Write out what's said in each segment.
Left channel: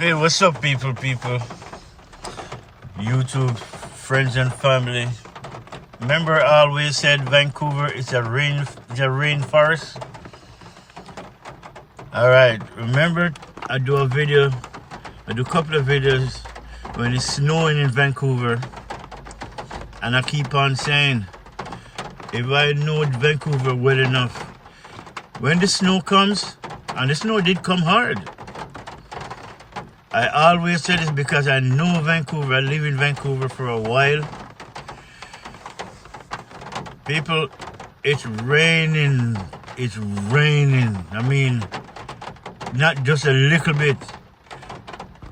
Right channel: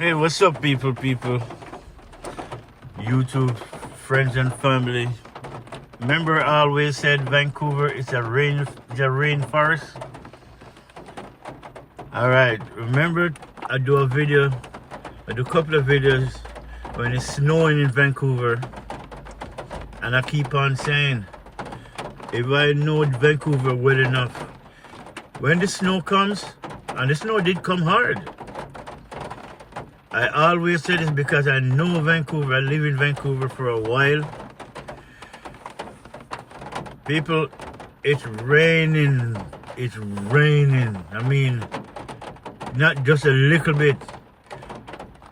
Hey, what's up, people? YouTube friends and family. Remember, I always said Vancouver is a rainforest. All right. Remember, I do a couple of videos when it's snowing in Vancouver, and I keep on saying, if I know Vancouver well enough, when the snow comes, and the snow did come hard. I always say this because I know Vancouver. I live in Vancouver for a while. People, it's raining. It's raining. I mean, not just a little bit.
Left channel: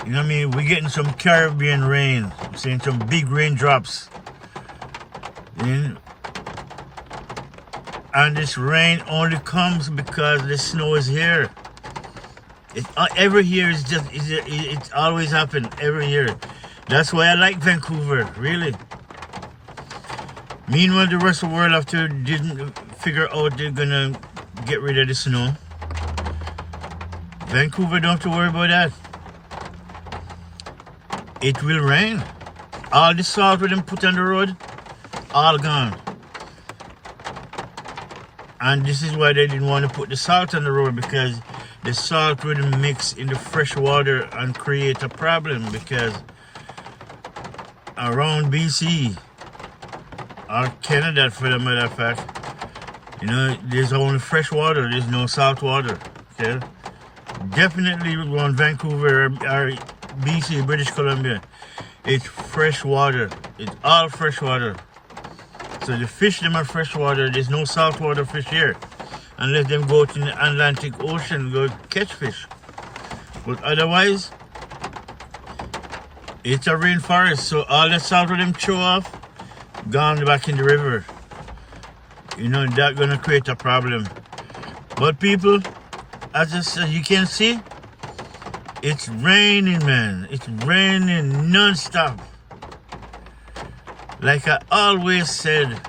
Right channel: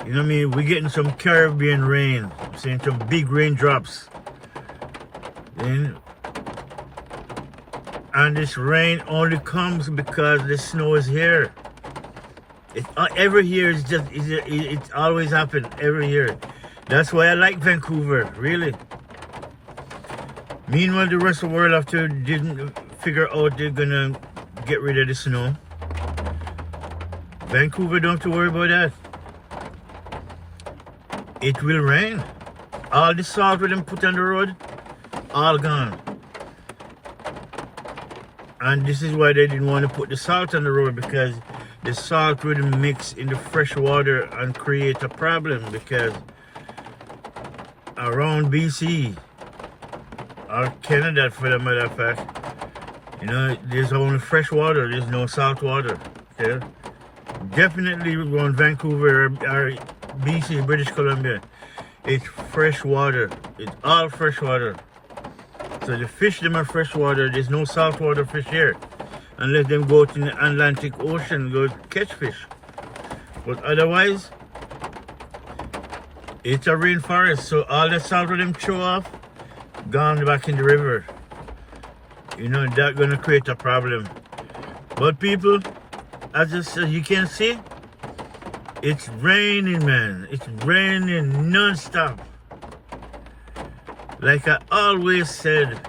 You know what I mean? We're getting some Caribbean rain. I'm seeing some big raindrops. And this rain only comes because the snow is here. Every year it's always happened every year. That's why I like Vancouver, really. Meanwhile, the rest of the world after didn't figure out they're gonna get rid of the snow. Vancouver don't have to worry about that. It will rain. All the salt we done put on the road, all gone. And this is why they didn't want to put the salt on the road, because the salt would mix in the fresh water and create a problem, because around BC or Canada, for the matter of fact, you know, there's only fresh water, there's no salt water. Okay? Definitely around Vancouver or BC, British Columbia, it's fresh water. It's all fresh water. So the fish them are fresh water, there's no salt water fish here. Unless them go to the Atlantic Ocean, go catch fish. But otherwise, it's a rainforest, so all the salt of them throw off, gone back in the river. You know, that's gonna create a problem. But people, as you can see, it's raining, man. It's raining non-stop. Like I always said,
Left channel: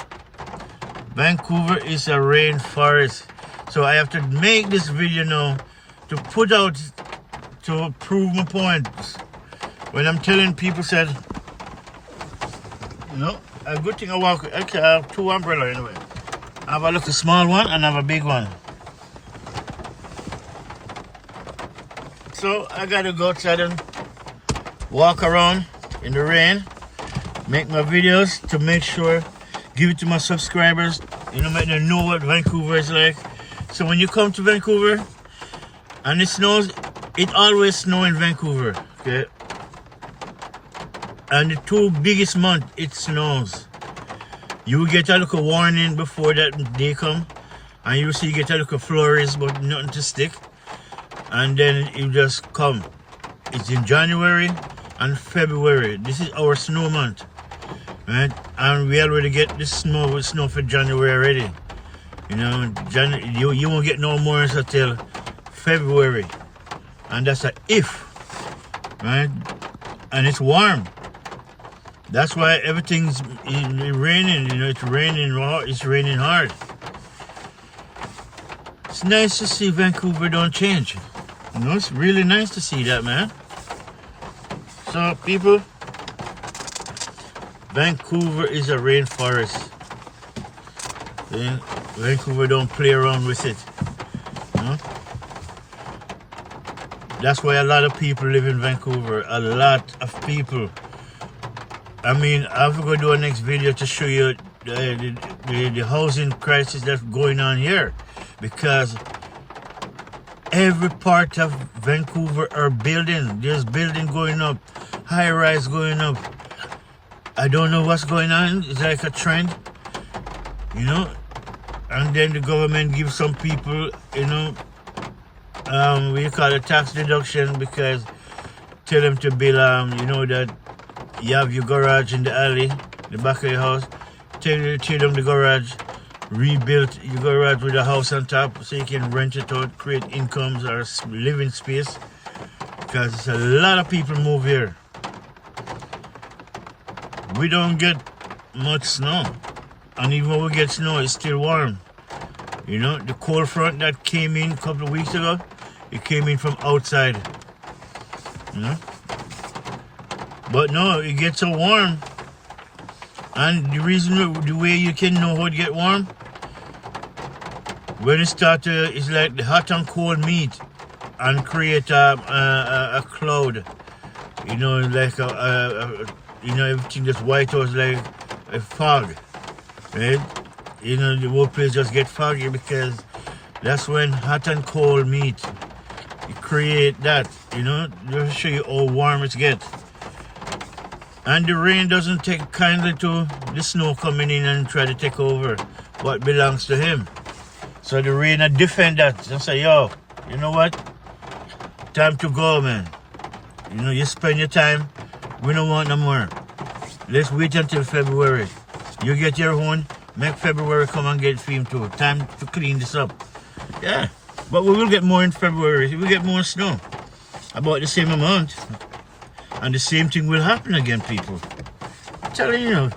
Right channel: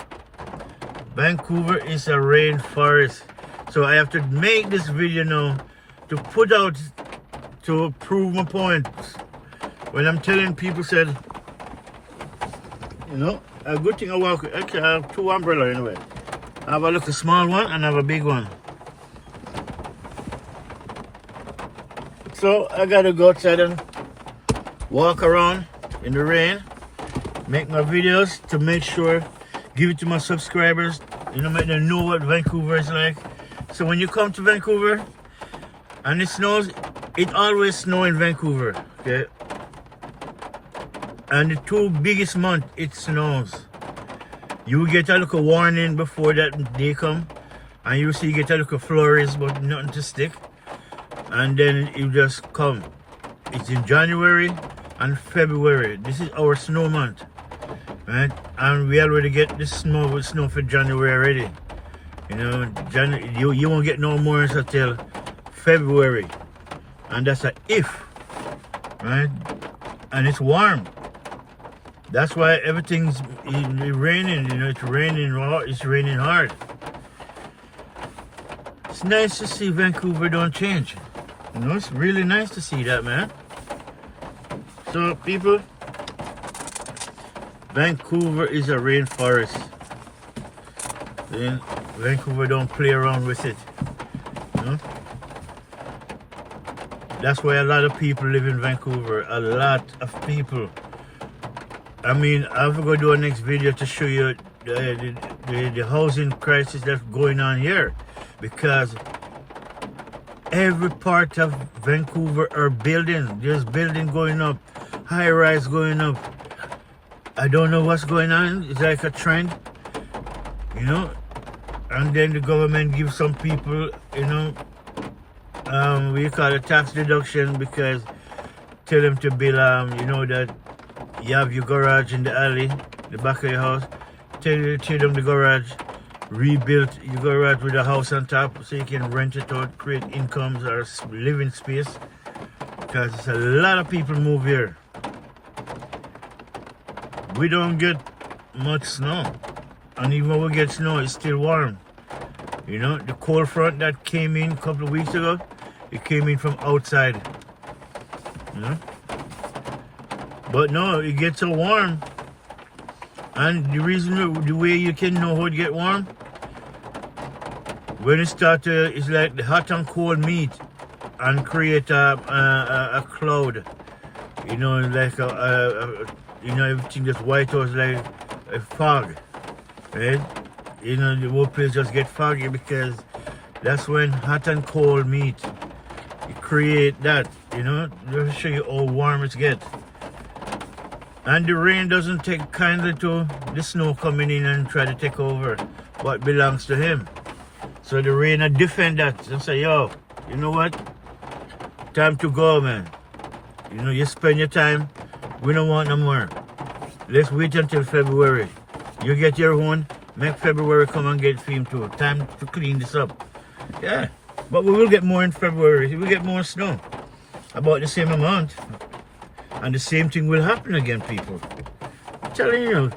Vancouver is a rainforest. So I have to make this video now to put out, to prove my point. When I'm telling people said, you know, a good thing I walk with, actually I have two umbrellas anyway. I have a little small one and I have a big one. So I gotta go outside and walk around in the rain, make my videos to make sure, give it to my subscribers, you know, make them know what Vancouver is like. So when you come to Vancouver and it snows, it always snows in Vancouver, okay? And the two biggest months it snows. You get a little warning before that day come, and you see you get a little flurries, but nothing to stick. And then you just come. It's in January and February. This is our snow month, right? And we already get the snow for January already. You know, you won't get no more until February. And that's a if, right? And it's warm. That's why everything's raining, you know, it's raining hard. It's nice to see Vancouver don't change. You know, it's really nice to see that, man. So, people, Vancouver is a rainforest. Then Vancouver don't play around with it. You know? That's why a lot of people live in Vancouver. A lot of people. I mean, I'm going to do a next video to show you the housing crisis that's going on here. Because every part of Vancouver are building. There's building going up. High rise going up. I don't know what's going on. It's like a trend. You know? And then the government gives some people, you know, we call it tax deduction, because tell them to build, you know, that you have your garage in the alley, the back of your house. Tear down the garage, rebuild your garage with a house on top so you can rent it out, create incomes or living space. Because a lot of people move here. We don't get much snow. And even when we get snow, it's still warm. You know, the cold front that came in a couple of weeks ago, it came in from outside. You know? But no, it gets so warm. And the reason, the way you can know how it get warm, when it start to, it's like the hot and cold meet and create a cloud. You know, like you know, everything that's white was like a fog, right? You know, the whole place just get foggy because that's when hot and cold meet. You create that, you know, just to show you how warm it gets. And the rain doesn't take kindly to the snow coming in and try to take over what belongs to him. So the rain defend that and say, yo, you know what? Time to go, man. You know, you spend your time. We don't want no more. Let's wait until February. You get your own. Make February come and get filmed too. Time to clean this up. Yeah. But we will get more in February. We'll get more snow. About the same amount. And the same thing will happen again, people. I'm telling you.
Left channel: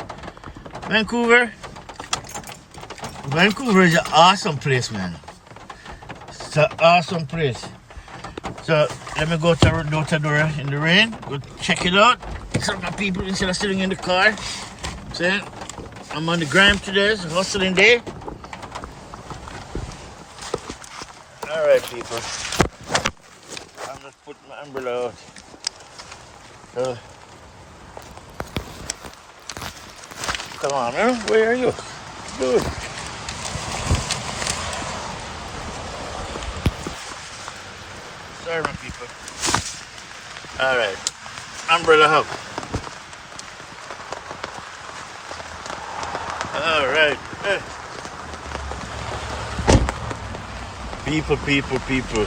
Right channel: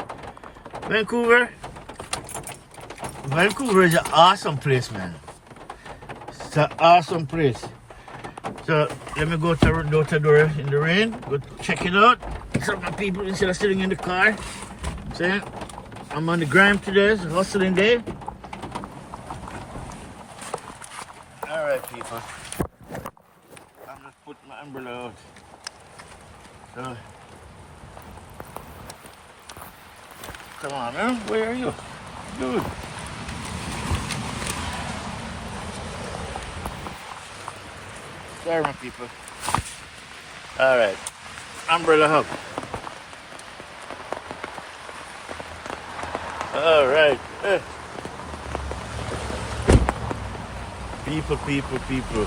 Vancouver is an awesome place, man. It's an awesome place. So let me go to door to door in the rain. Go check it out. Some of my people instead of sitting in the car. See? I'm on the grind today. It's a hustling day. Alright, people. I'm just put my umbrella out. So, come on, man. Where are you? Dude. Sorry, my people. Alright. Umbrella hub. Alright. People.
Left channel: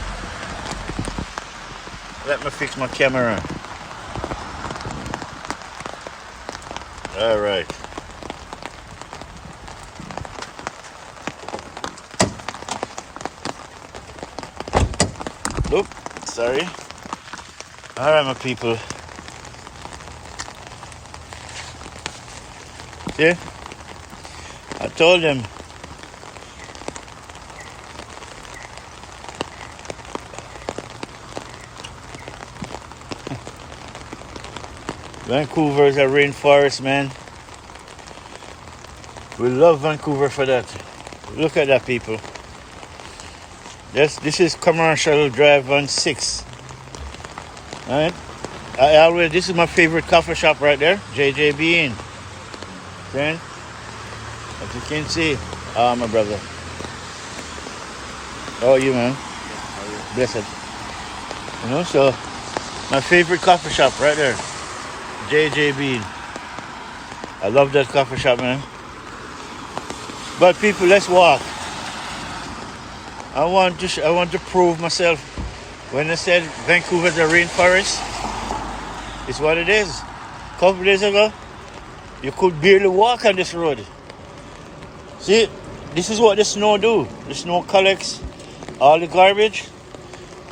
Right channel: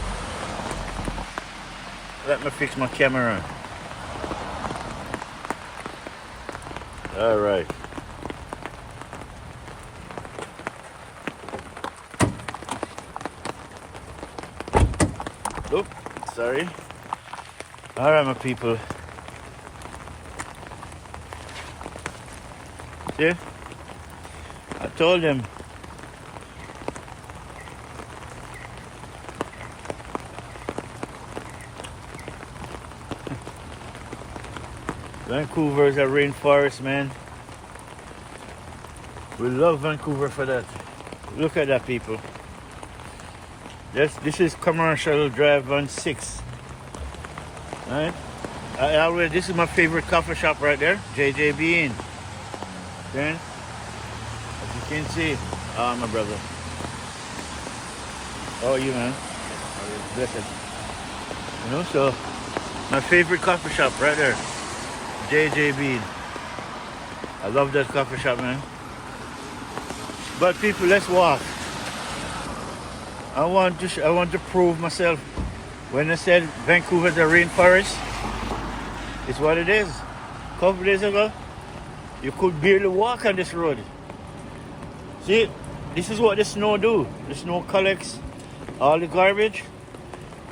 Let me fix my camera. Alright. Oop, sorry. Alright, my people. See? I told them. Vancouver is a rainforest, man. We love Vancouver for that. Look at that, people. Yes, this is Commercial Drive on 6. Right? This is my favorite coffee shop right there, JJ Bean. Friend, as you can see, my brother. How are you, man? Blessed. You know, so my favorite coffee shop right there, JJ Bean. I love that coffee shop, man. But people, let's walk. I want to prove myself. When I said Vancouver's a rainforest, it's what it is. A couple days ago, you could barely walk on this road. See, this is what the snow do. The snow collects all the garbage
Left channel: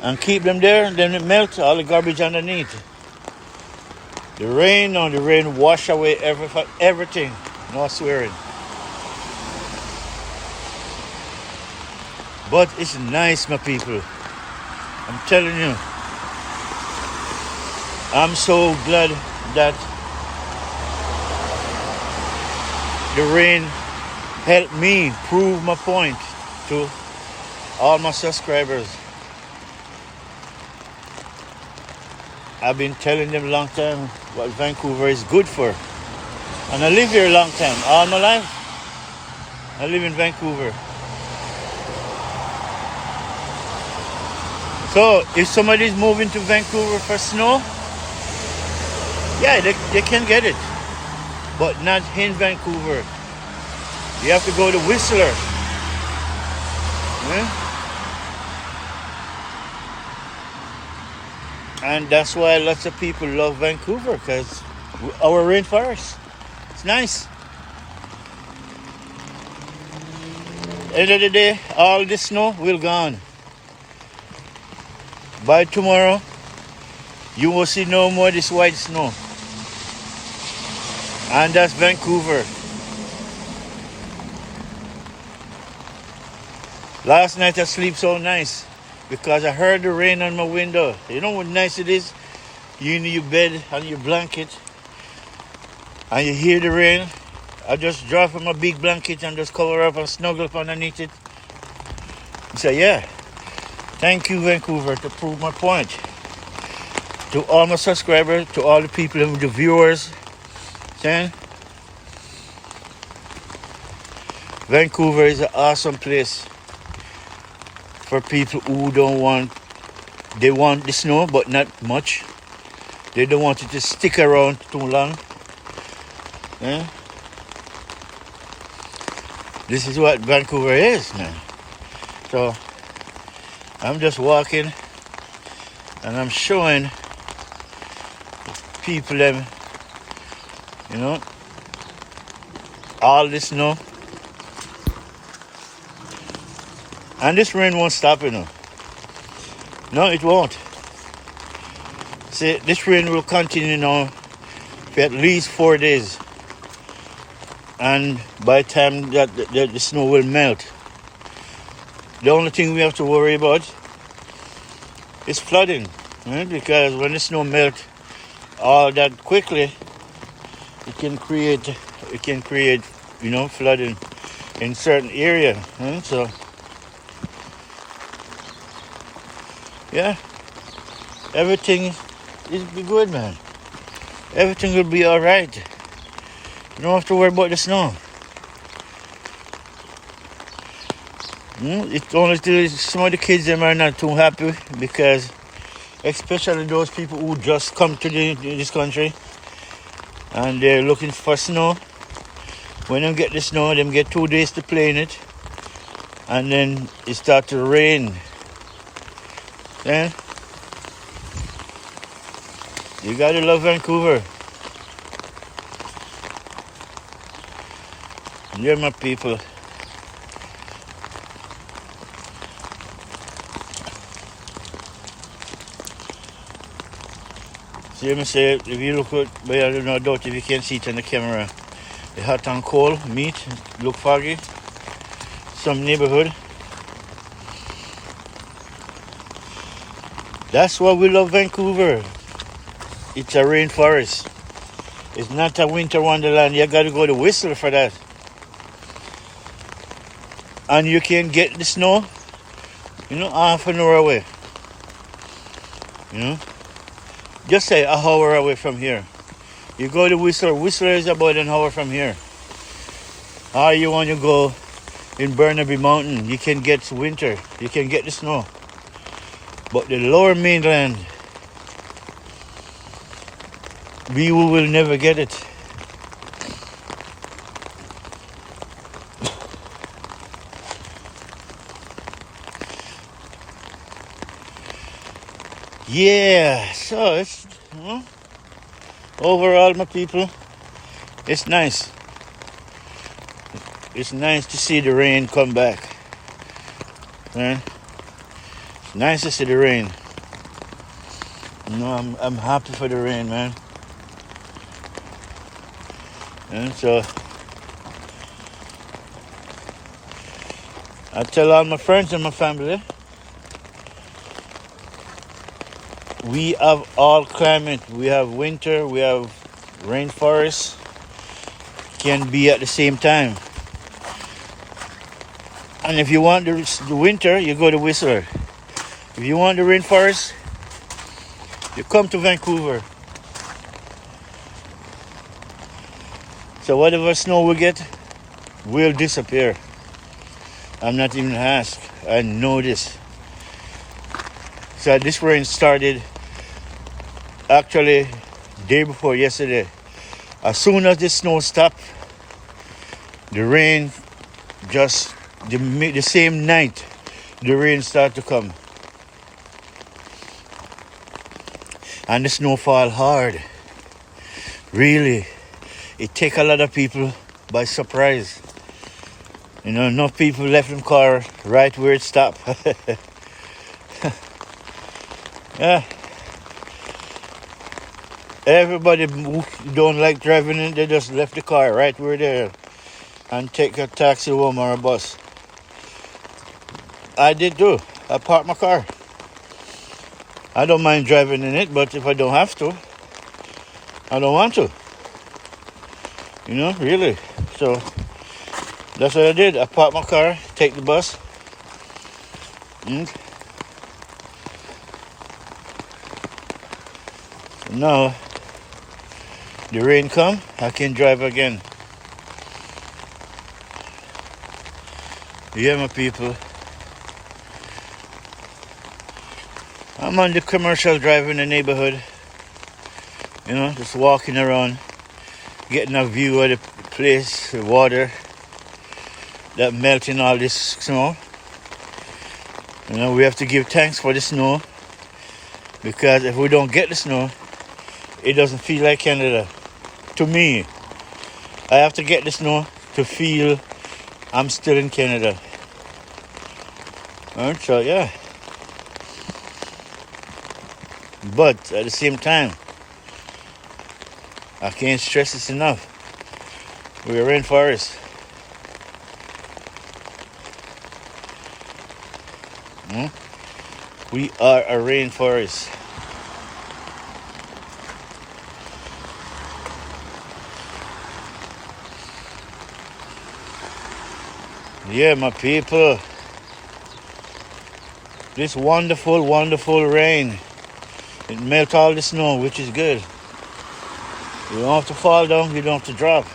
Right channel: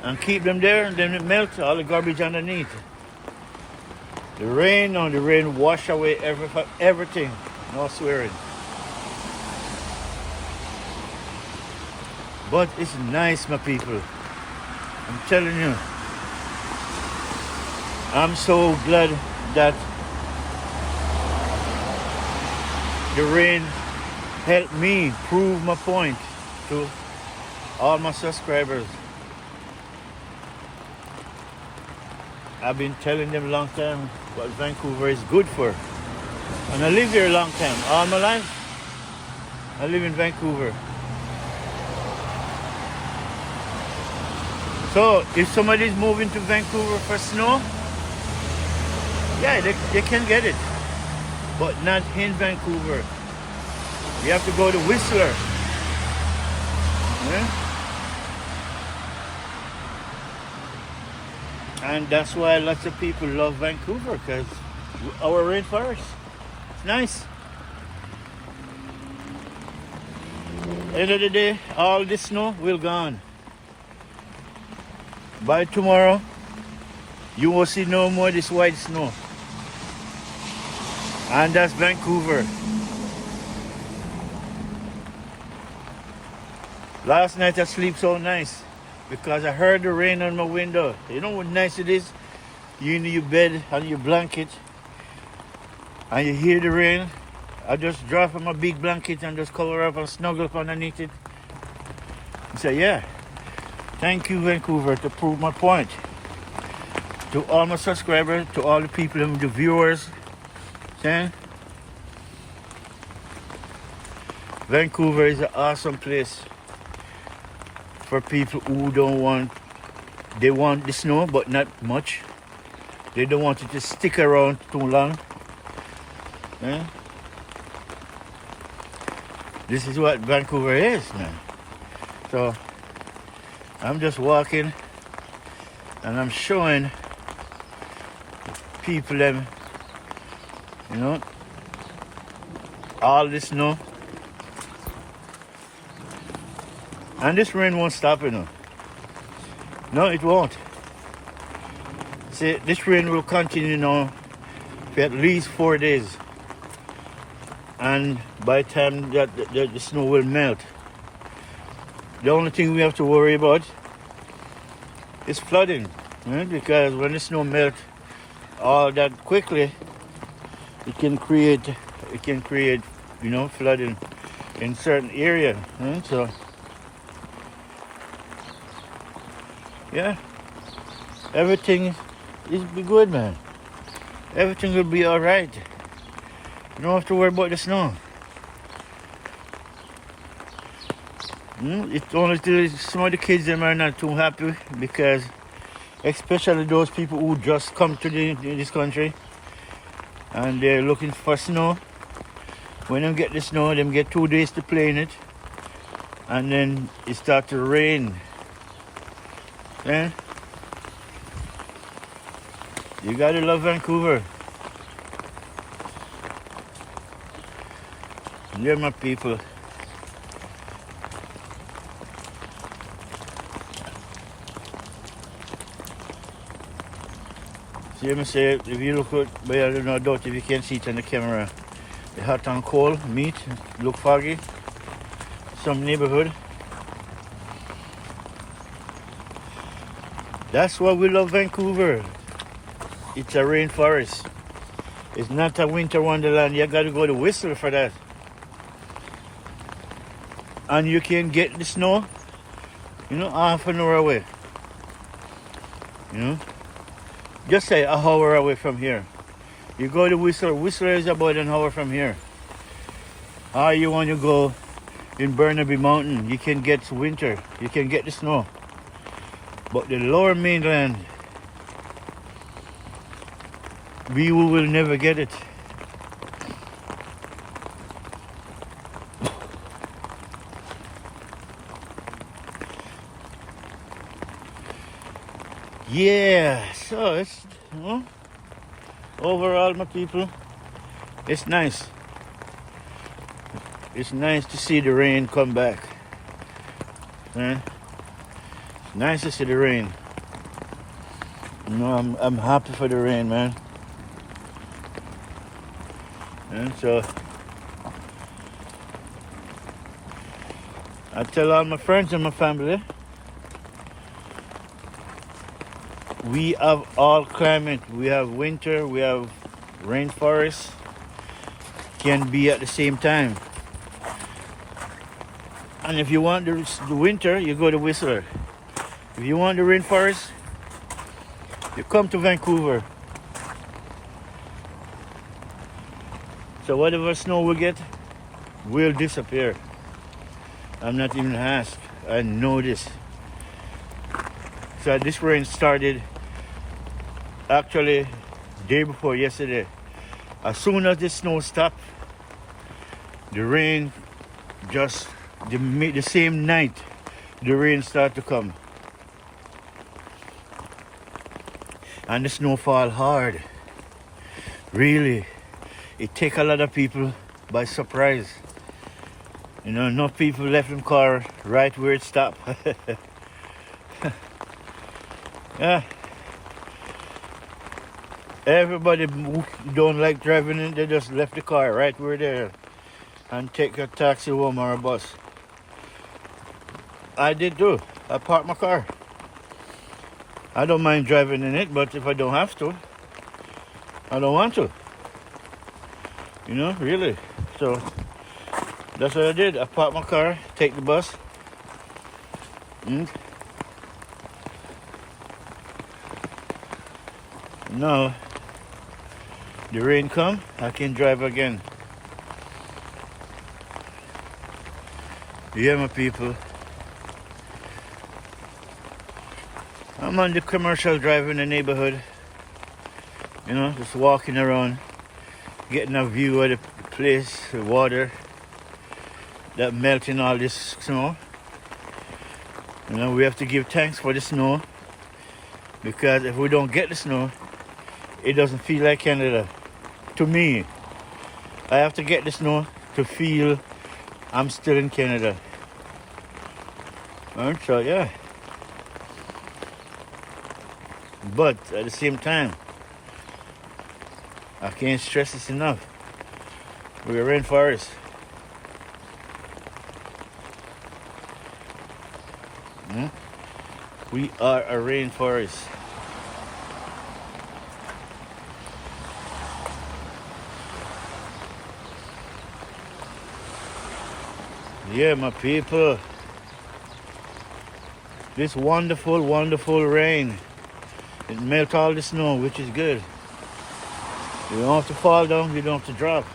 and keep them there, and then it melts all the garbage underneath. The rain wash away everything. No swearing. But it's nice, my people. I'm telling you. I'm so glad that the rain helped me prove my point to all my subscribers. I've been telling them a long time what Vancouver is good for. And I live here a long time. All my life, I live in Vancouver. So if somebody's moving to Vancouver for snow, yeah, they can get it. But not in Vancouver. You have to go to Whistler. Yeah? And that's why lots of people love Vancouver, because our rainforest. It's nice. End of the day, all this snow will gone. By tomorrow, you will see no more this white snow. And that's Vancouver. Last night I slept so nice because I heard the rain on my window. You know what nice it is you in your bed and your blanket and you hear the rain, I just drop on my big blanket and just cover up and snuggle up underneath it. And say, yeah, thank you, Vancouver, to prove my point. To all my subscribers, to all the people, the viewers, saying Vancouver is an awesome place for people who they want the snow, but not much. They don't want it to stick around too long. Yeah? This is what Vancouver is, man. So I'm just walking and I'm showing people them, all this snow. And this rain won't stop, No, it won't. See, this rain will continue now for at least 4 days. And by the time that the snow will melt, the only thing we have to worry about is flooding. Right? Because when the snow melts all that quickly, it can create flooding in certain areas. Right? So yeah, everything is be good, man. Everything will be all right. You don't have to worry about the snow. It's only some of the kids them are not too happy because, especially those people who just come to this country and they're looking for snow. When they get the snow, they get 2 days to play in it, and then it starts to rain. Yeah? You gotta love Vancouver. You're my people. See, let me say, if you look at, but I don't know, doubt if you can see it on the camera. The hot and cold meat, look foggy. Some neighborhood. That's why we love Vancouver. It's a rainforest. It's not a winter wonderland. You gotta go to Whistler for that. And you can get the snow, half an hour away. Just say an hour away from here. You go to Whistler. Whistler is about an hour from here. Or you want to go in Burnaby Mountain, you can get winter. You can get the snow. But the lower mainland, we will never get it. Yeah, so it's, overall, my people, it's nice. It's nice to see the rain come back. Man, it's nice to see the rain. I'm happy for the rain, man. And so I tell all my friends and my family, we have all climate. We have winter, we have rainforest, can be at the same time. And if you want the winter, you go to Whistler. If you want the rainforest, you come to Vancouver. So whatever snow we get will disappear. I'm not even asked. I know this. So this rain started actually day before yesterday. As soon as the snow stopped, the rain just the same night the rain started to come. And the snow fall hard. Really. It take a lot of people by surprise. Enough people left them car right where it stopped. Yeah. Everybody who don't like driving in, they just left the car right where they're and take a taxi home or a bus. I did too. I parked my car. I don't mind driving in it, but if I don't have to, I don't want to. You know, really. So that's what I did. I parked my car, take the bus. And now the rain come, I can drive again. Yeah, my people. I'm on the commercial drive in the neighborhood. You know, just walking around, getting a view of the place, the water that melting all this snow. You know, we have to give thanks for the snow, because if we don't get the snow, it doesn't feel like Canada. To me, I have to get the snow to feel I'm still in Canada. Alright, so yeah. But at the same time, I can't stress this enough. We're a rainforest. We are a rainforest. Yeah, my people. This wonderful, wonderful rain. It melts all the snow, which is good. You don't have to fall down, you don't have to drop.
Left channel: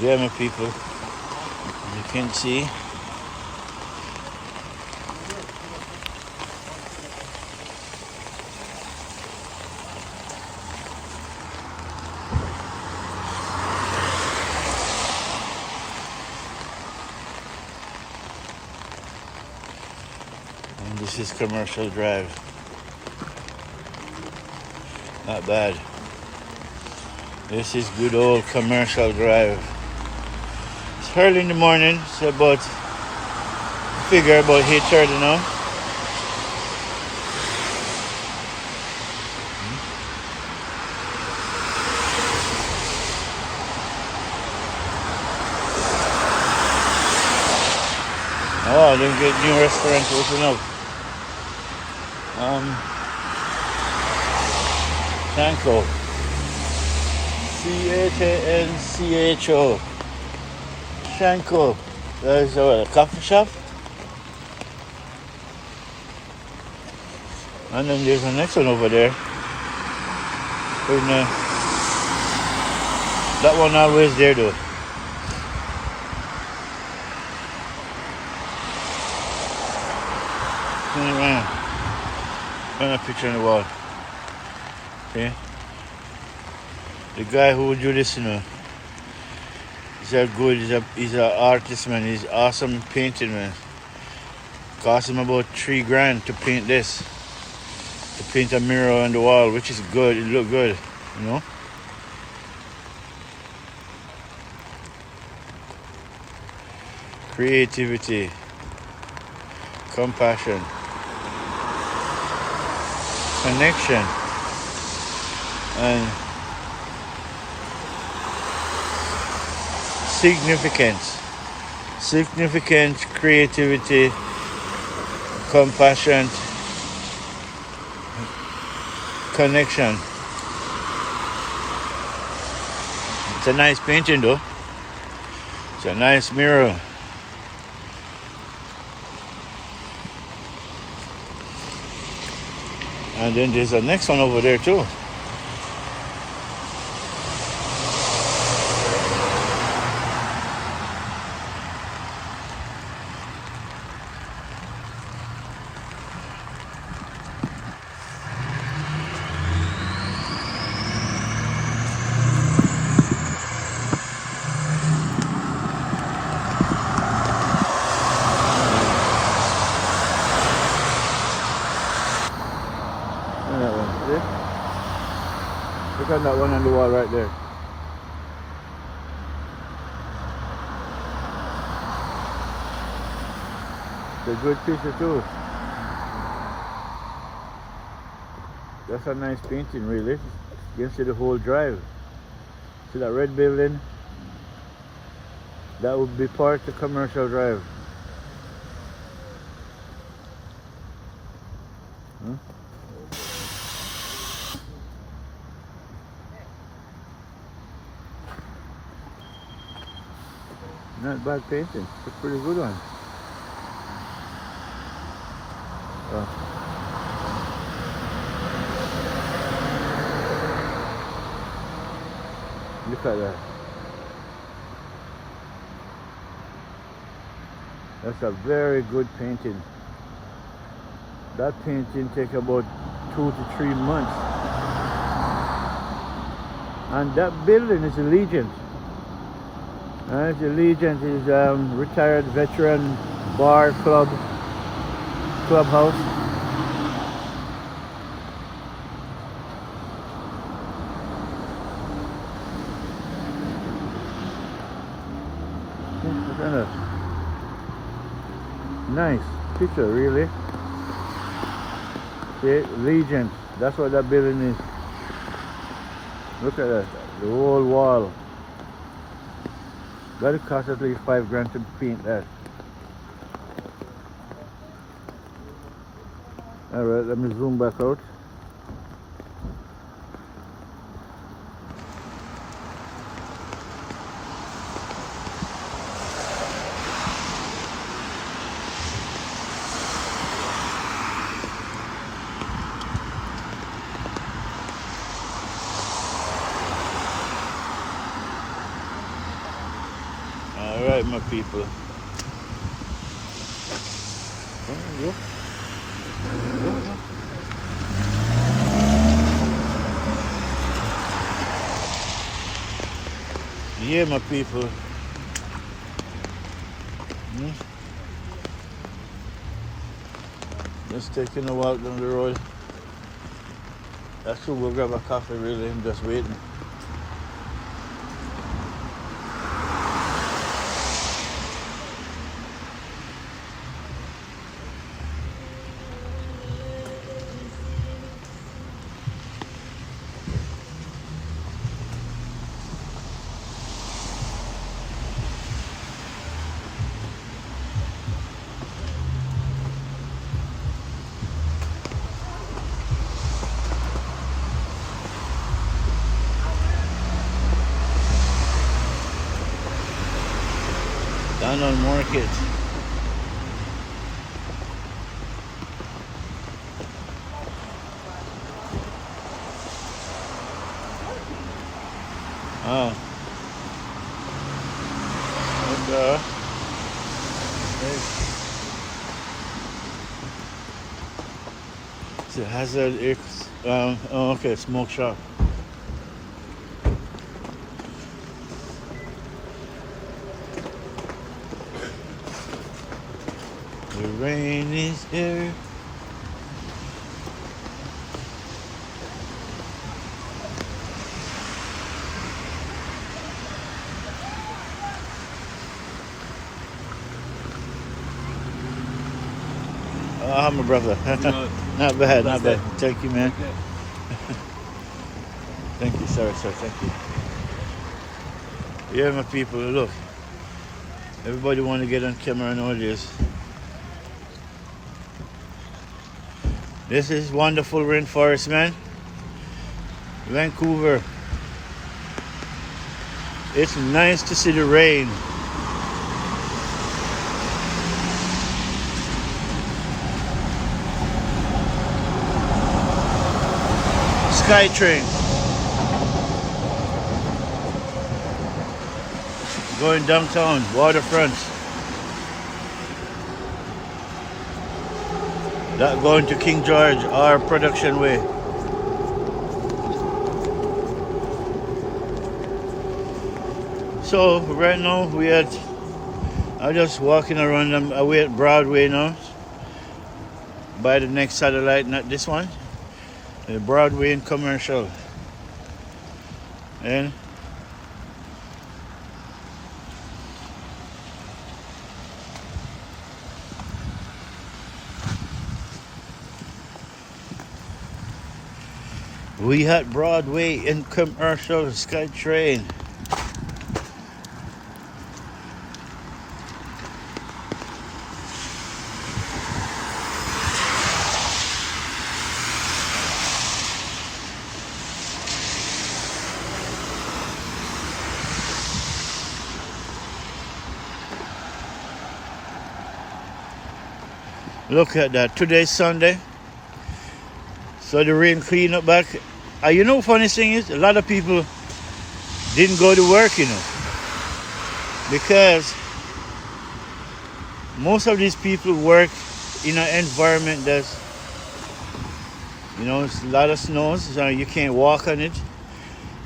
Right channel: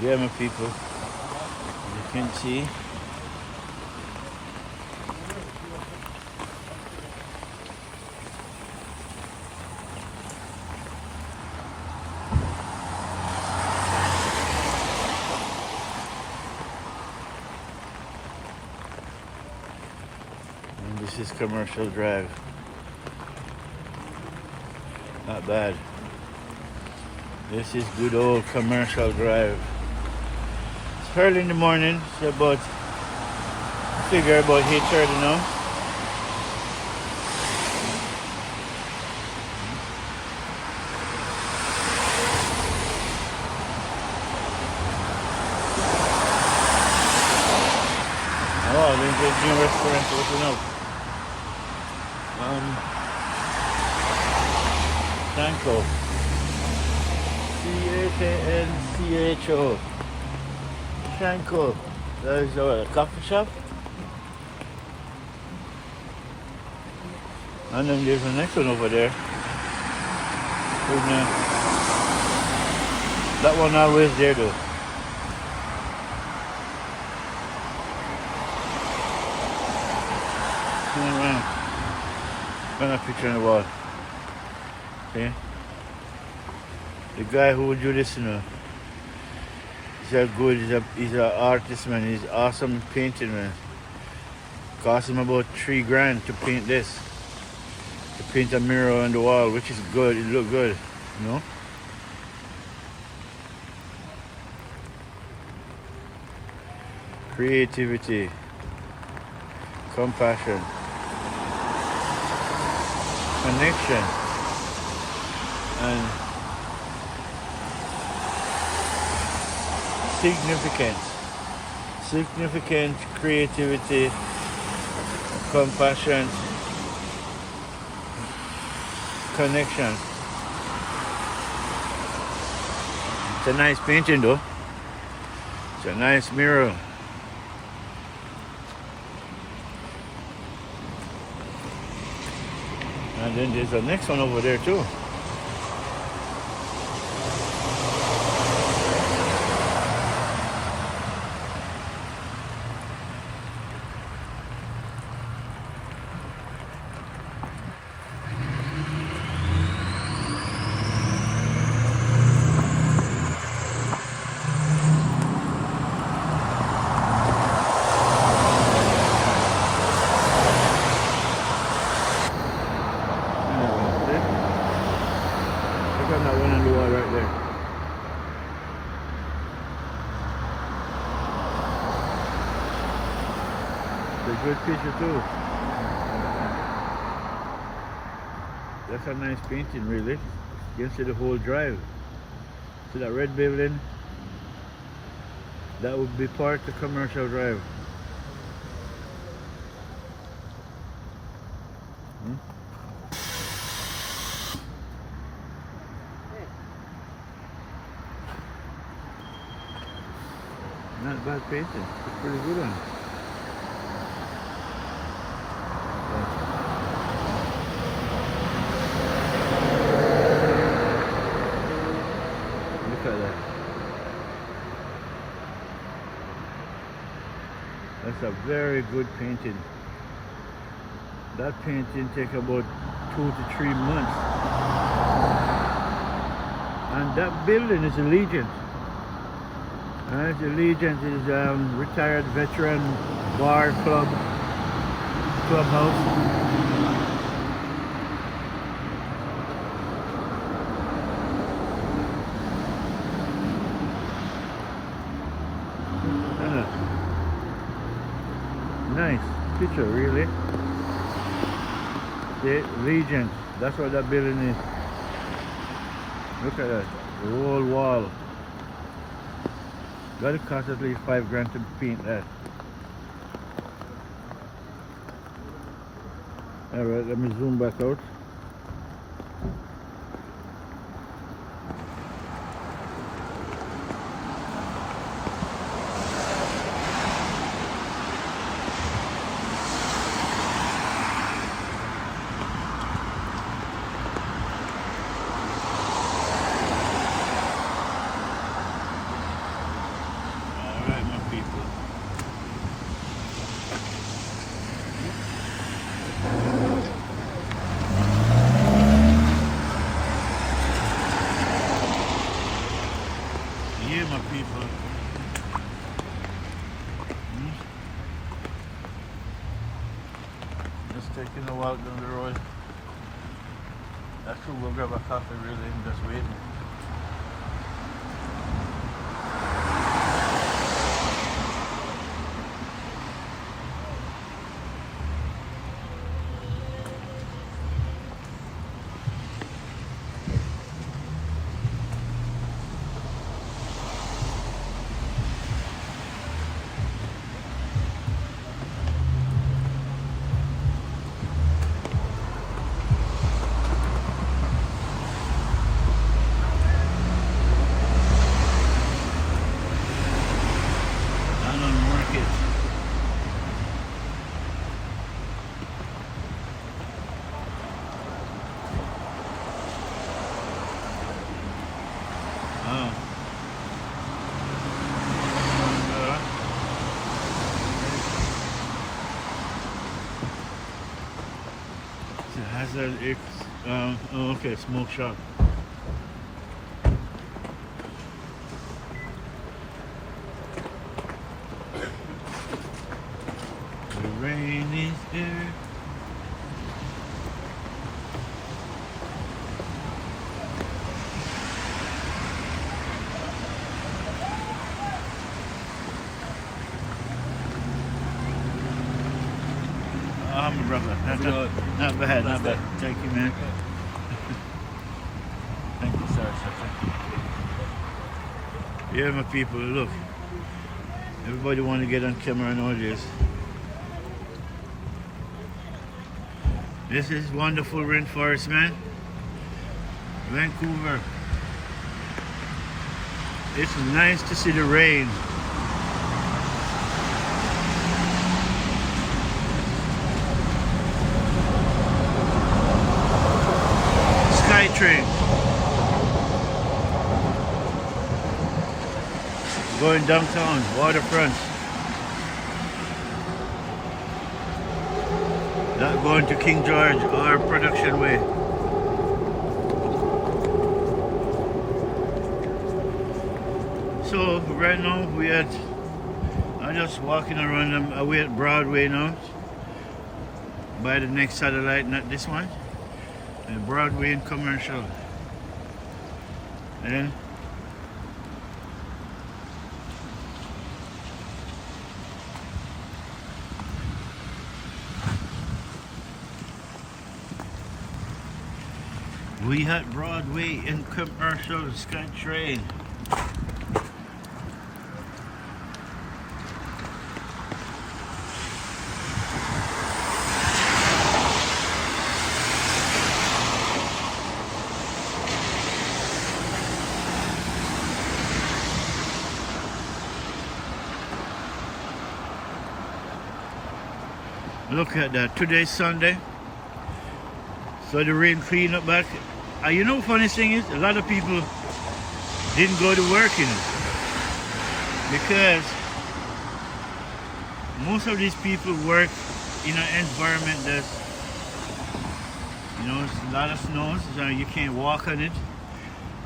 Yeah, my people. You can see. And this is Commercial Drive. Not bad. This is good old Commercial Drive. It's early in the morning. It's about, I figure about 8:30 now. Oh, I didn't get new restaurant to open up. Chanco. Chancho. Chanco. There's a coffee shop. And then there's the next one over there. That one always there though. Turn around. Find a picture on the wall. Okay. The guy who would do this, you know, he's a good, he's an artist, man. He's awesome painting, man. Cost him about $3,000 to paint this. To paint a mirror on the wall, which is good. It look good, you know. Creativity, compassion, connection, and significance. Significant creativity, compassion, connection. It's a nice painting though. It's a nice mirror. And then there's the next one over there too. Look at that one on the wall right there. It's a good picture too. That's a nice painting, really. You can see the whole drive. See that red building? That would be part of Commercial Drive. Hmm? Not bad painting. It's a pretty good one. Yeah. Look at that. That's a very good painting. That painting takes about 2 to 3 months. And that building is a Legend. The Legend is retired veteran bar clubhouse. Nice picture, really. The Legend. That's what that building is. Look at that. The whole wall. But it cost at least $5 grand to paint that. Alright, let me zoom back out. Alright, my people. Yeah, my people. Just taking a walk down the road. Actually, we'll grab a coffee really and just waiting. Down on Market. Wow. And, it's a hazard. It's oh, okay, smoke shop. The rain is here. I'm a brother. Not bad, not bad. Thank you, man. Thank you, sir. Thank you. Yeah, my people, look. Everybody want to get on camera nowadays. This is wonderful rainforest, man. Vancouver. It's nice to see the rain. SkyTrain. Going downtown, waterfront. That going to King George, our production way. So right now I'm just walking around away at Broadway now. By the next satellite, not this one. The Broadway and Commercial. And We had Broadway in commercial SkyTrain. Look at that. Today's Sunday. So the rain clean up back. You know, funny thing is, a lot of people didn't go to work, you know, because most of these people work in an environment that's, you know, it's a lot of snow, so you can't walk on it,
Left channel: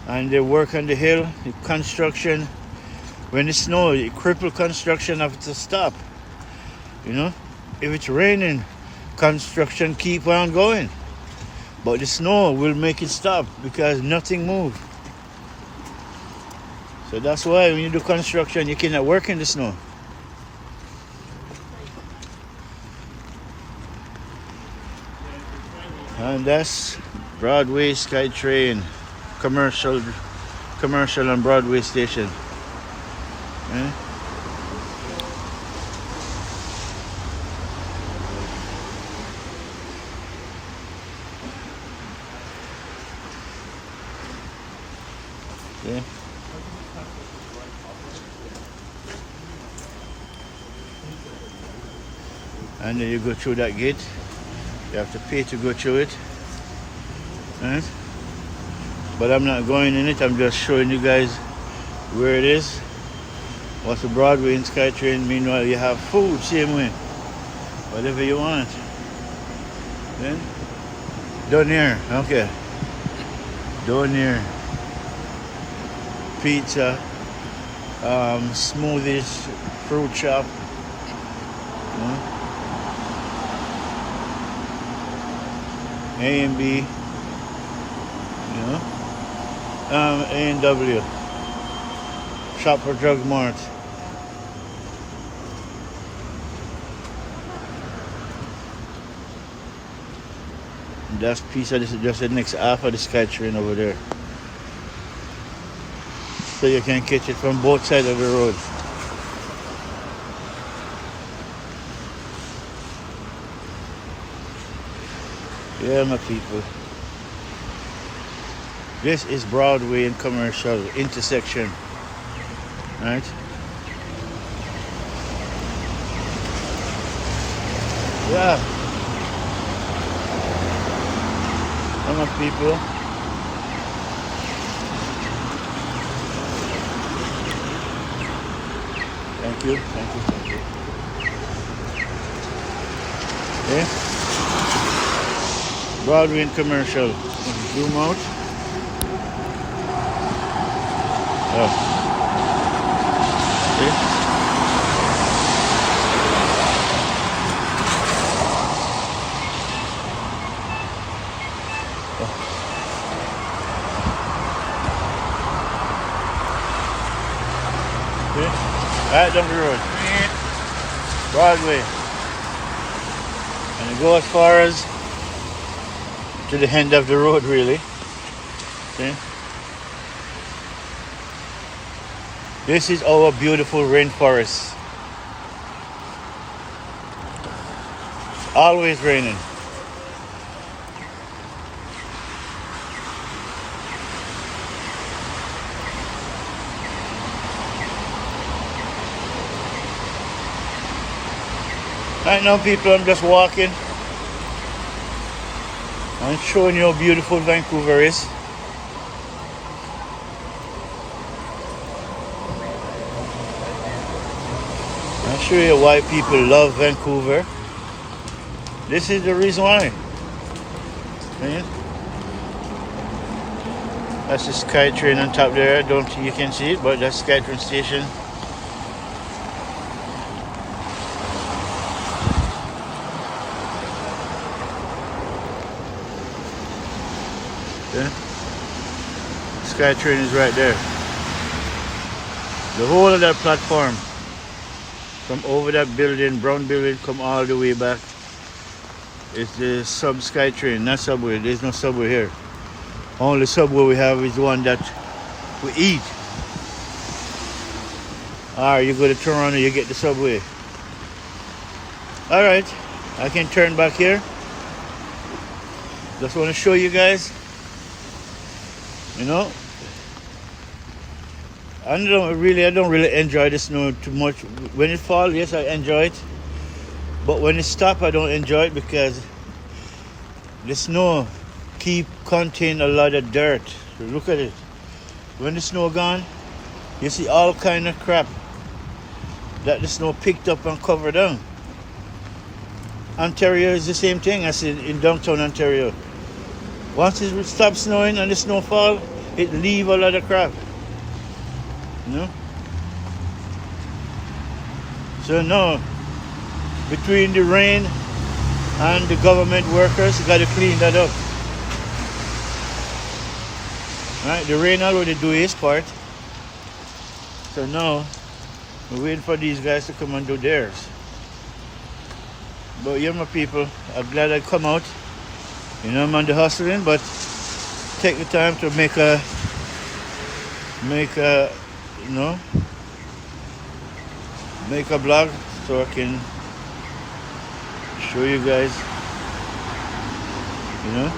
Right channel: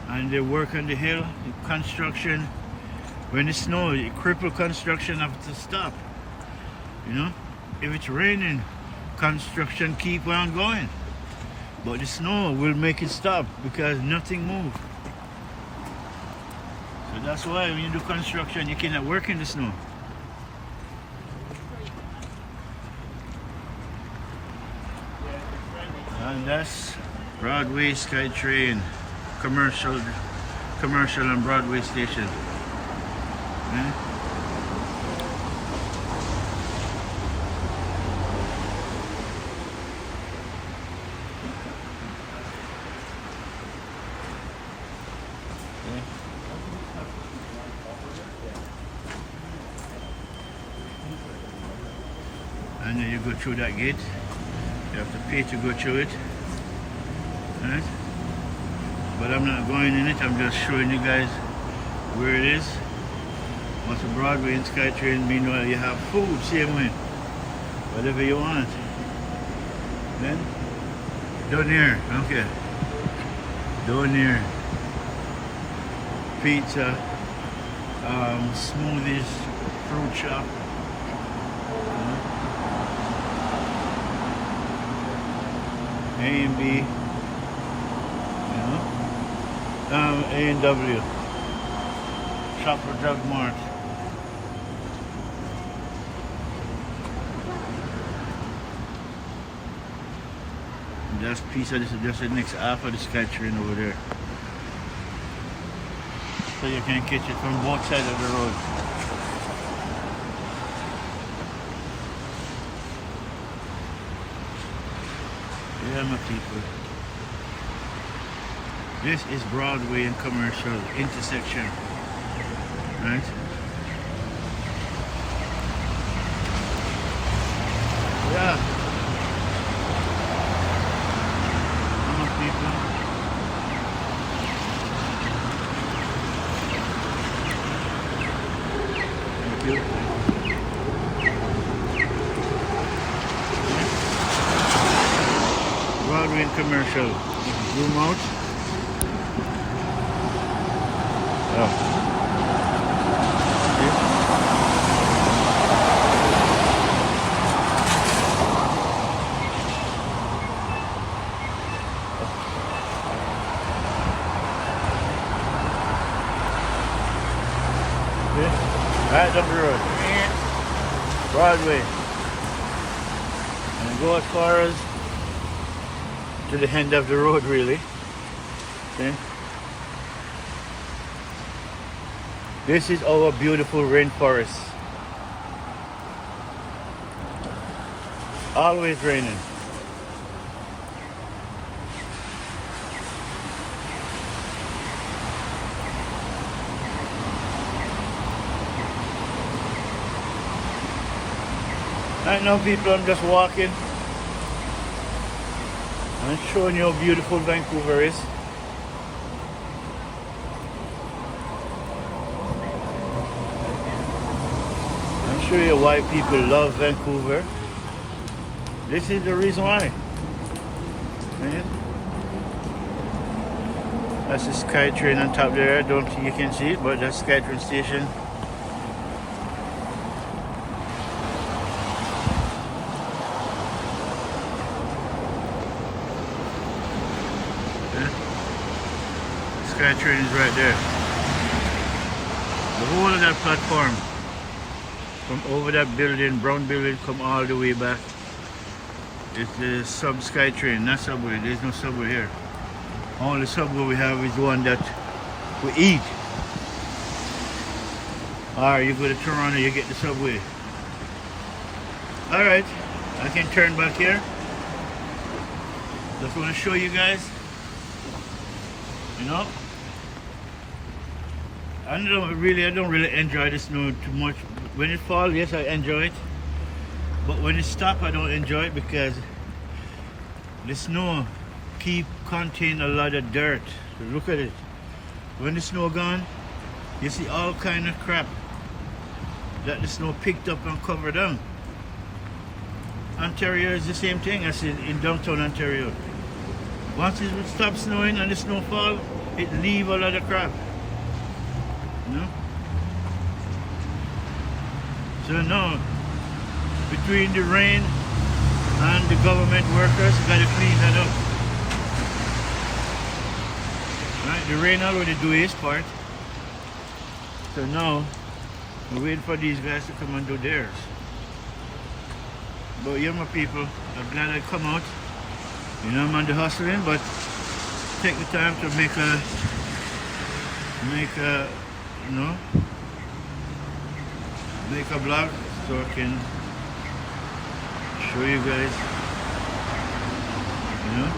and they work on the hill, the construction. When it snows, it cripple construction have to stop, you know. If it's raining, construction keep on going. But the snow will make it stop because nothing moves. So that's why when you do construction, you cannot work in the snow. And that's Broadway SkyTrain, commercial and Broadway station. Yeah. Yeah. And then you go through that gate. You have to pay to go through it. Yeah. But I'm not going in it. I'm just showing you guys where it is. What's the Broadway and SkyTrain? Meanwhile, you have food same way. Whatever you want. Then down here. Okay. Down here. Pizza, smoothies, fruit shop. A and B, A and W. Shop for Drug Mart. And that's pizza. This is just the next half of the SkyTrain over there. So you can catch it from both sides of the road. Yeah, my people. This is Broadway and commercial intersection. Right? Yeah. My people. Thank you. Okay. Broadway and commercial. Zoom out. Oh. Okay. Okay. Right down the road. Broadway. And go as far as to the end of the road, really. Okay. This is our beautiful rainforest. It's always raining. Right now, people, I'm just walking. I'm showing you how beautiful Vancouver is. I'll show you why people love Vancouver. This is the reason why. Yeah. That's the SkyTrain on top there. I don't think you can see it, but that's SkyTrain station. Okay. SkyTrain is right there. The whole of that platform from over that building, brown building, come all the way back. It's the sub SkyTrain, not subway. There's no subway here. Only Subway we have is the one that we eat. Alright, you go to Toronto, you get the Subway. Alright, I can turn back here. Just want to show you guys. You know, I don't really enjoy the snow too much. When it falls, yes, I enjoy it. But when it stops, I don't enjoy it because the snow contain a lot of dirt. So look at it. When the snow gone, you see all kind of crap that the snow picked up and covered down. Ontario is the same thing as in downtown Ontario. Once it stops snowing and the snow fall, it leave a lot of crap. You know? So no, between the rain and the government workers, you gotta clean that up. Right? The rain already do his part. So now, we're waiting for these guys to come and do theirs. But yeah, my people, I'm glad I come out. You know, I'm on the hustling, but take the time to make a, you know, make a blog so I can show you guys, you know.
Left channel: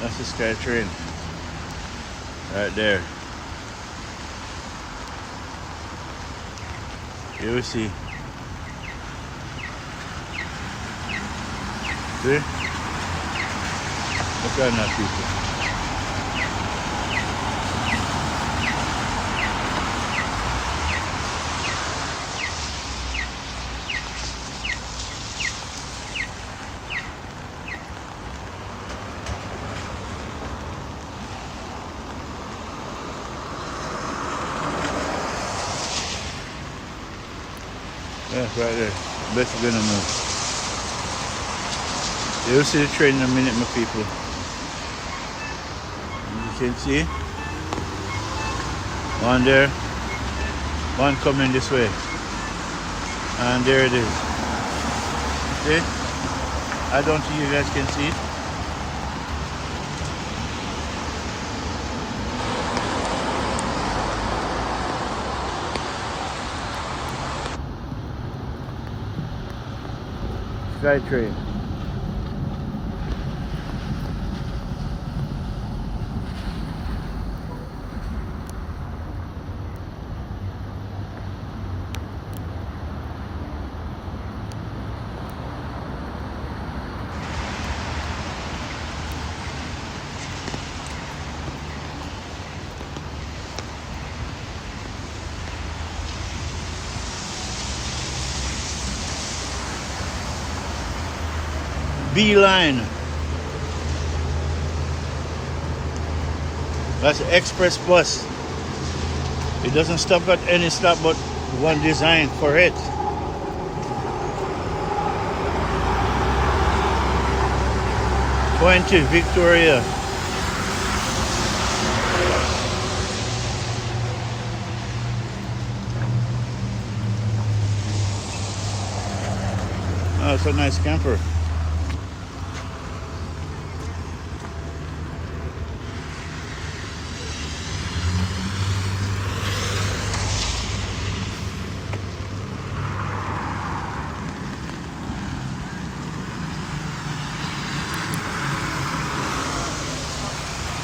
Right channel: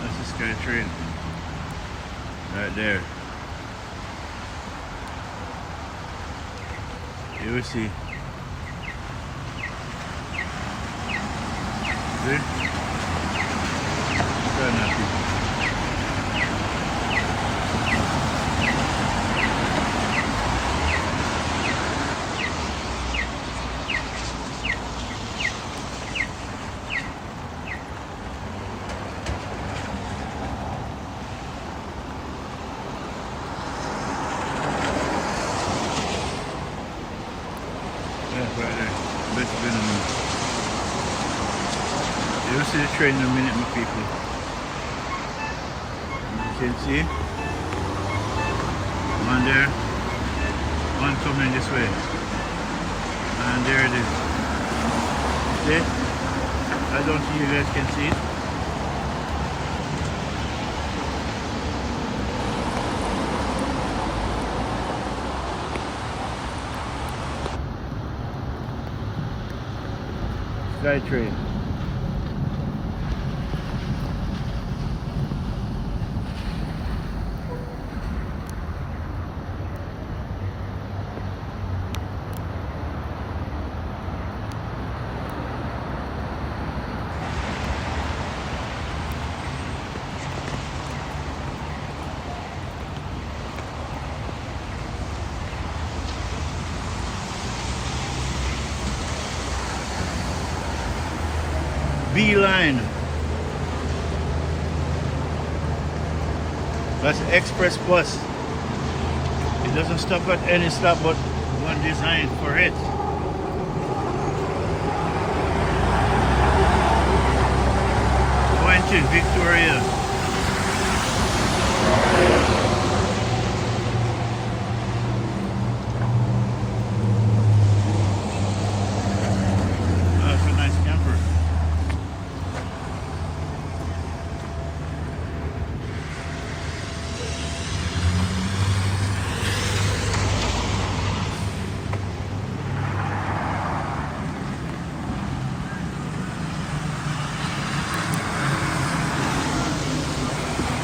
That's the Sky Train right there. You see. See? Look at that, people. Yeah, right there. Better than a minute. You'll see the train in a minute, my people. You can see one there, one coming this way, and there it is. See? I don't think you guys can see it. Sky Train. B-line. That's the express bus. It doesn't stop at any stop but one designed for it. Going to Victoria. Oh, it's a nice camper.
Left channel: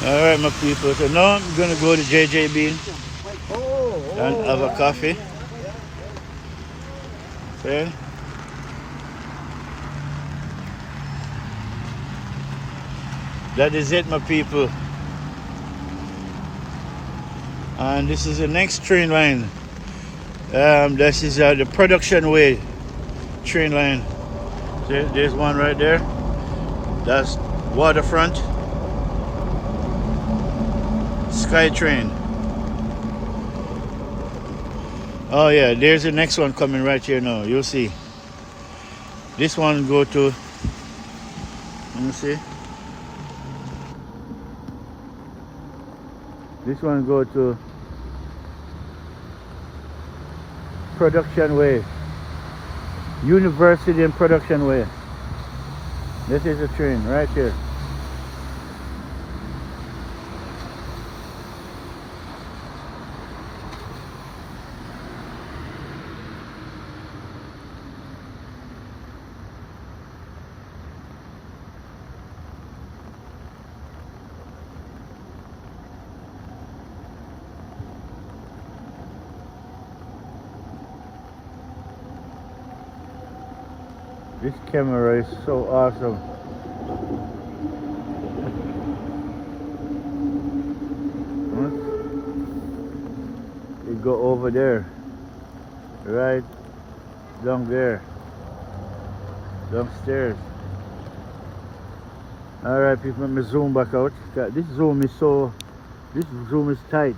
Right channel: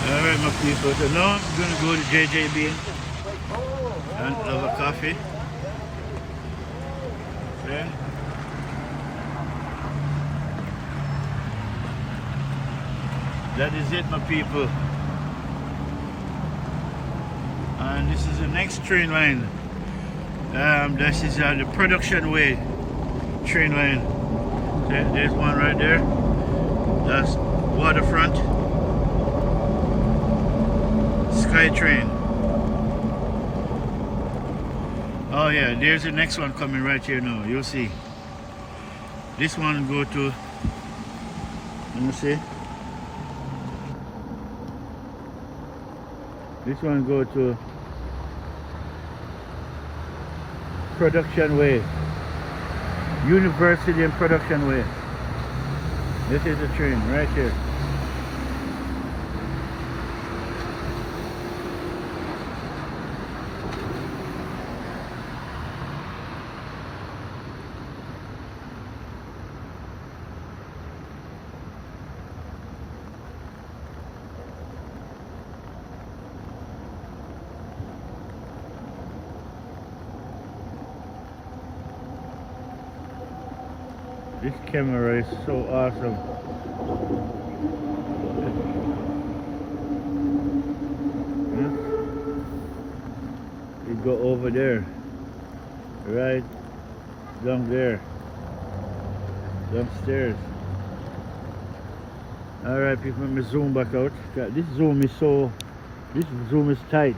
Alright, my people, so now I'm going to go to JJB and have a coffee. Yeah. That is it, my people. And this is the next train line. This is the production way train line. There's one right there. That's waterfront. SkyTrain. Oh yeah, there's the next one coming right here now. You'll see. This one go to, let me see. This one go to Production Way. University and Production Way. This is a train right here. This camera is so awesome. It go over there, right down there, downstairs. All right, people, let me zoom back out. This zoom is tight.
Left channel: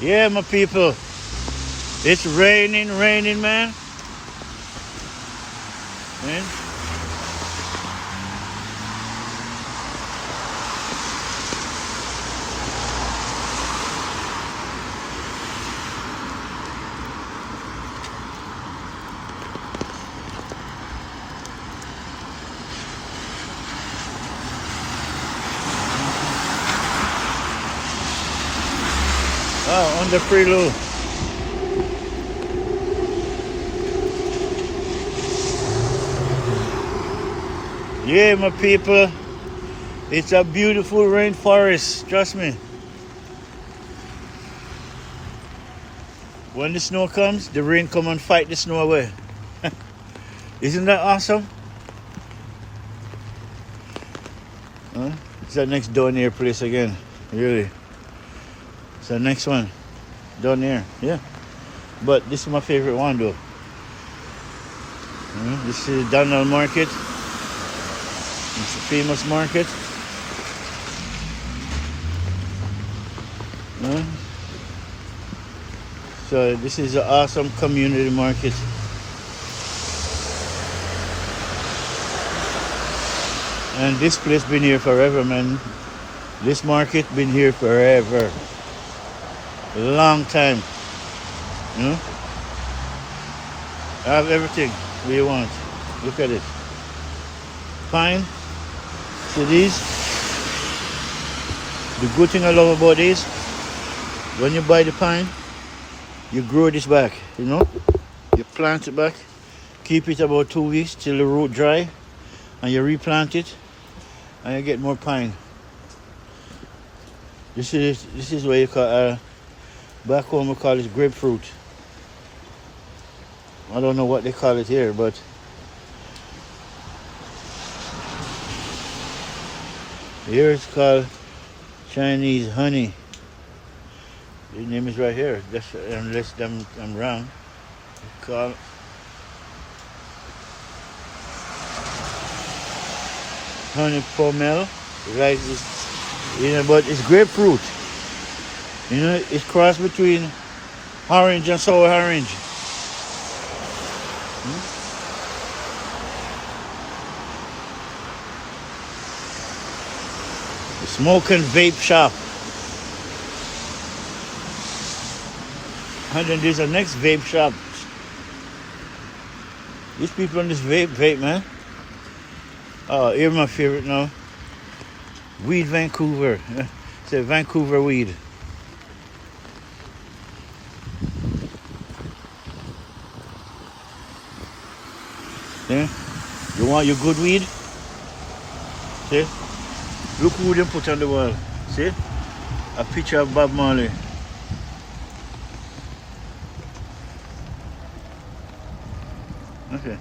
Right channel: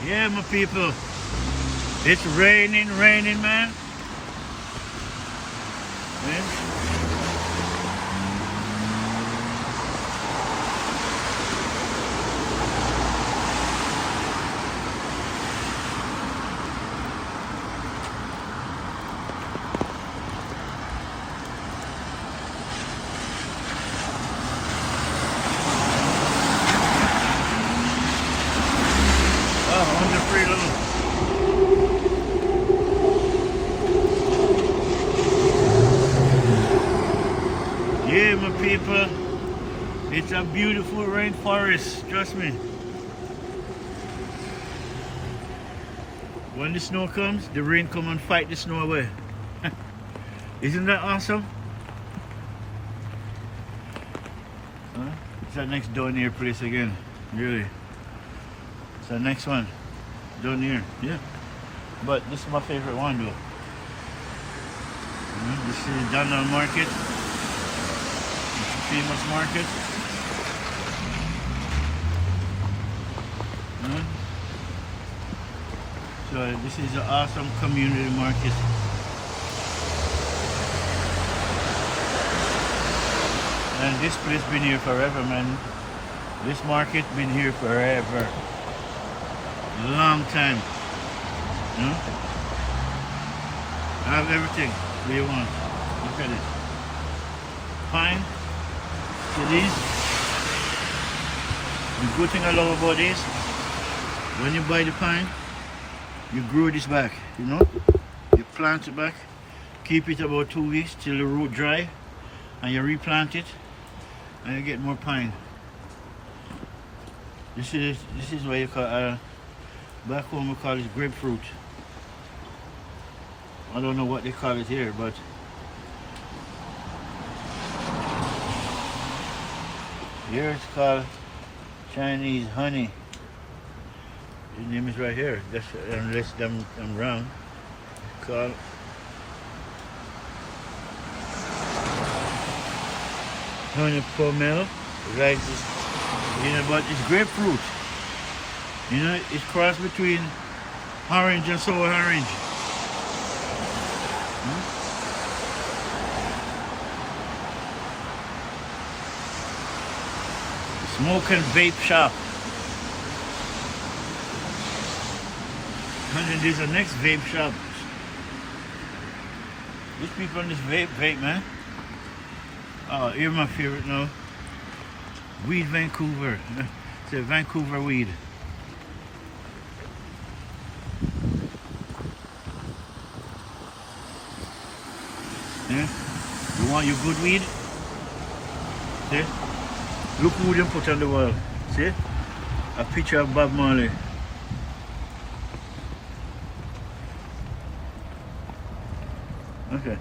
Yeah, my people, it's raining, man. Oh, on the prelude. Yeah, my people, it's a beautiful rainforest, trust me. When the snow comes, the rain come and fight the snow away. Isn't that awesome? Huh? It's the next down here place again, really. It's the next one, down here, yeah. But this is my favorite one though. This is Donald Market. It's a famous market. So this is an awesome community market. And this place been here forever, man. This market been here forever. A long time. I have everything you want. Look at it. Pine. So these, the good thing I love about this, when you buy the pine, you grow this back, you know? You plant it back, keep it about 2 weeks till the root dry, and you replant it, and you get more pine. This is what you call, back home we call it grapefruit. I don't know what they call it here, but here it's called Chinese honey. The name is right here, unless I'm wrong. It's called honey pomel. Right, but it's grapefruit. You know, it's crossed between orange and sour orange. Smoking vape shop. And then there's the next vape shop. These people on this vape, man. Oh, here's my favorite now. Weed Vancouver. Yeah. It's a Vancouver weed. Yeah. You want your good weed? Here. Look who they put on the wall. See? A picture of Bob Marley. Okay.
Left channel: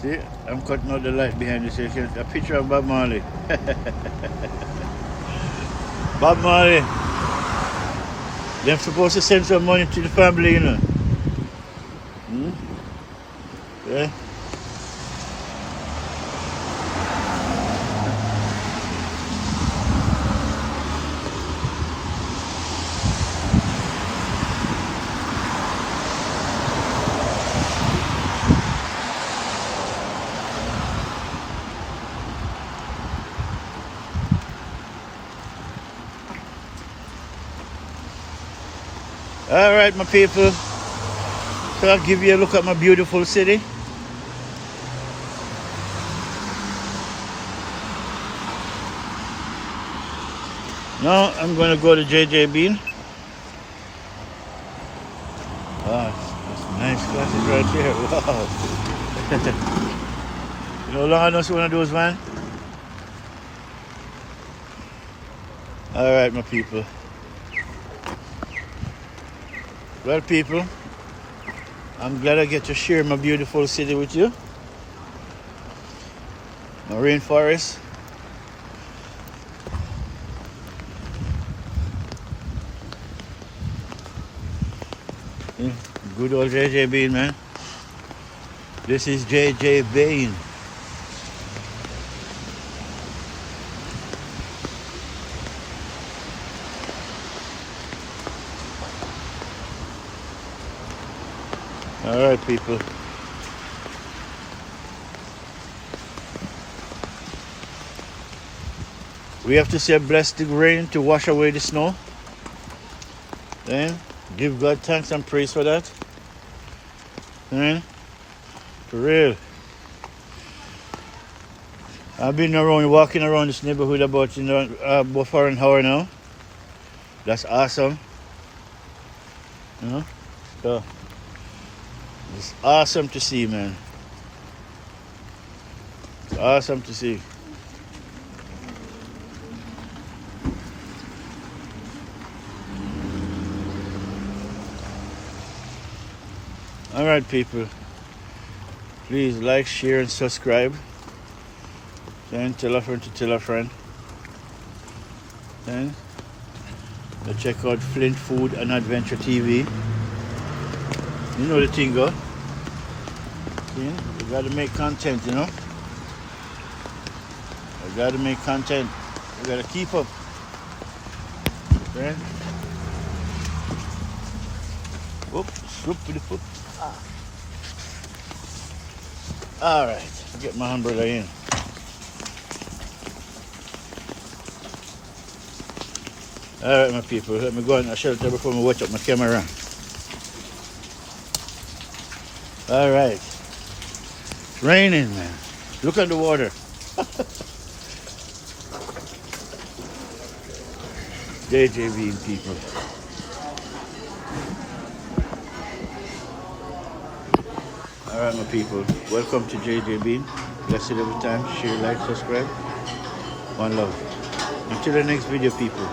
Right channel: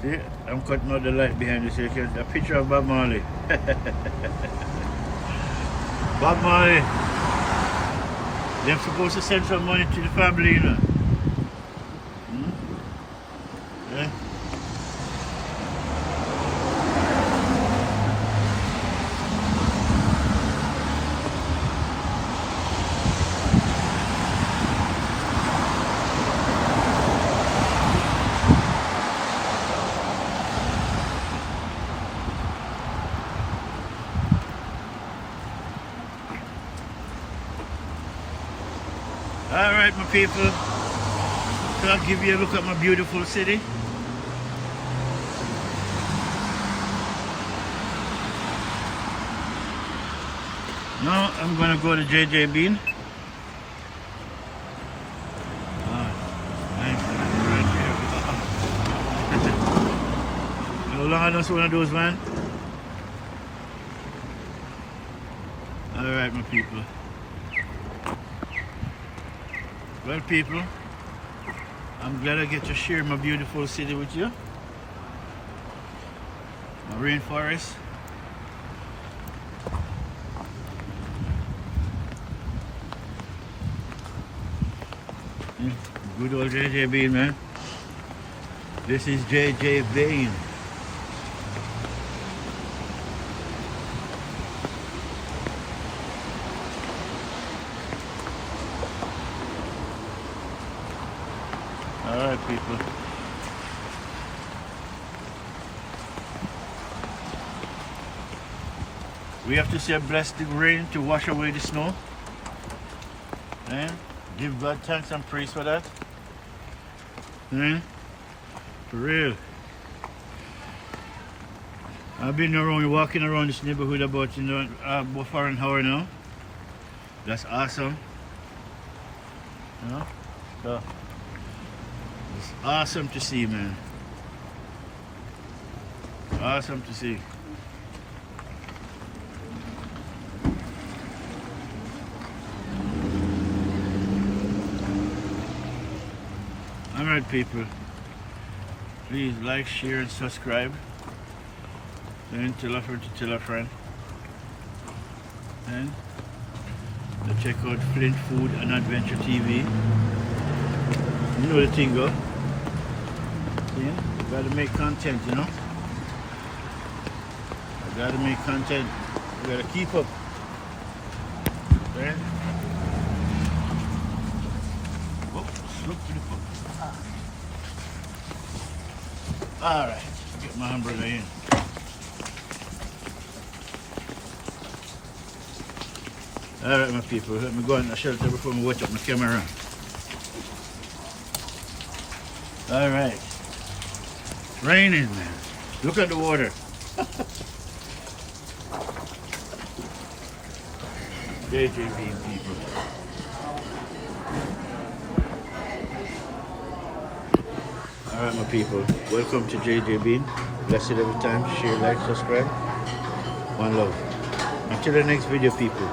See? I'm cutting out the light behind you so you can a picture of Bob Marley. Bob Marley. They're supposed to send some money to the family, you know. Hmm? Yeah. All right, my people. So I'll give you a look at my beautiful city. Now I'm gonna go to JJ Bean. Wow, that's nice place right there. Wow. You know how long I don't see one of those, man? All right, my people. Well, people, I'm glad I get to share my beautiful city with you. My rainforest. Good old JJ Bean, man. This is JJ Bean. All right, people. We have to say bless the rain to wash away the snow. Yeah? Give God thanks and praise for that. Yeah? For real. I've been around, walking around this neighborhood about for an hour now. That's awesome. So, it's awesome to see, man. It's awesome to see. All right, people. Please like, share, and subscribe. And tell a friend to tell a friend. And go check out Flint Food and Adventure TV. You know the thing, go. See? You gotta make content, you know. You gotta make content. You gotta keep up. Right? Oops, slip to the foot. All right, get my umbrella in. All right, my people, let me go in the shelter before I watch up my camera. All right, it's raining, man. Look at the water. JJV people. All right, my people, welcome to JJ Bean. Blessed every time. Share, like, subscribe. One love. Until the next video, people.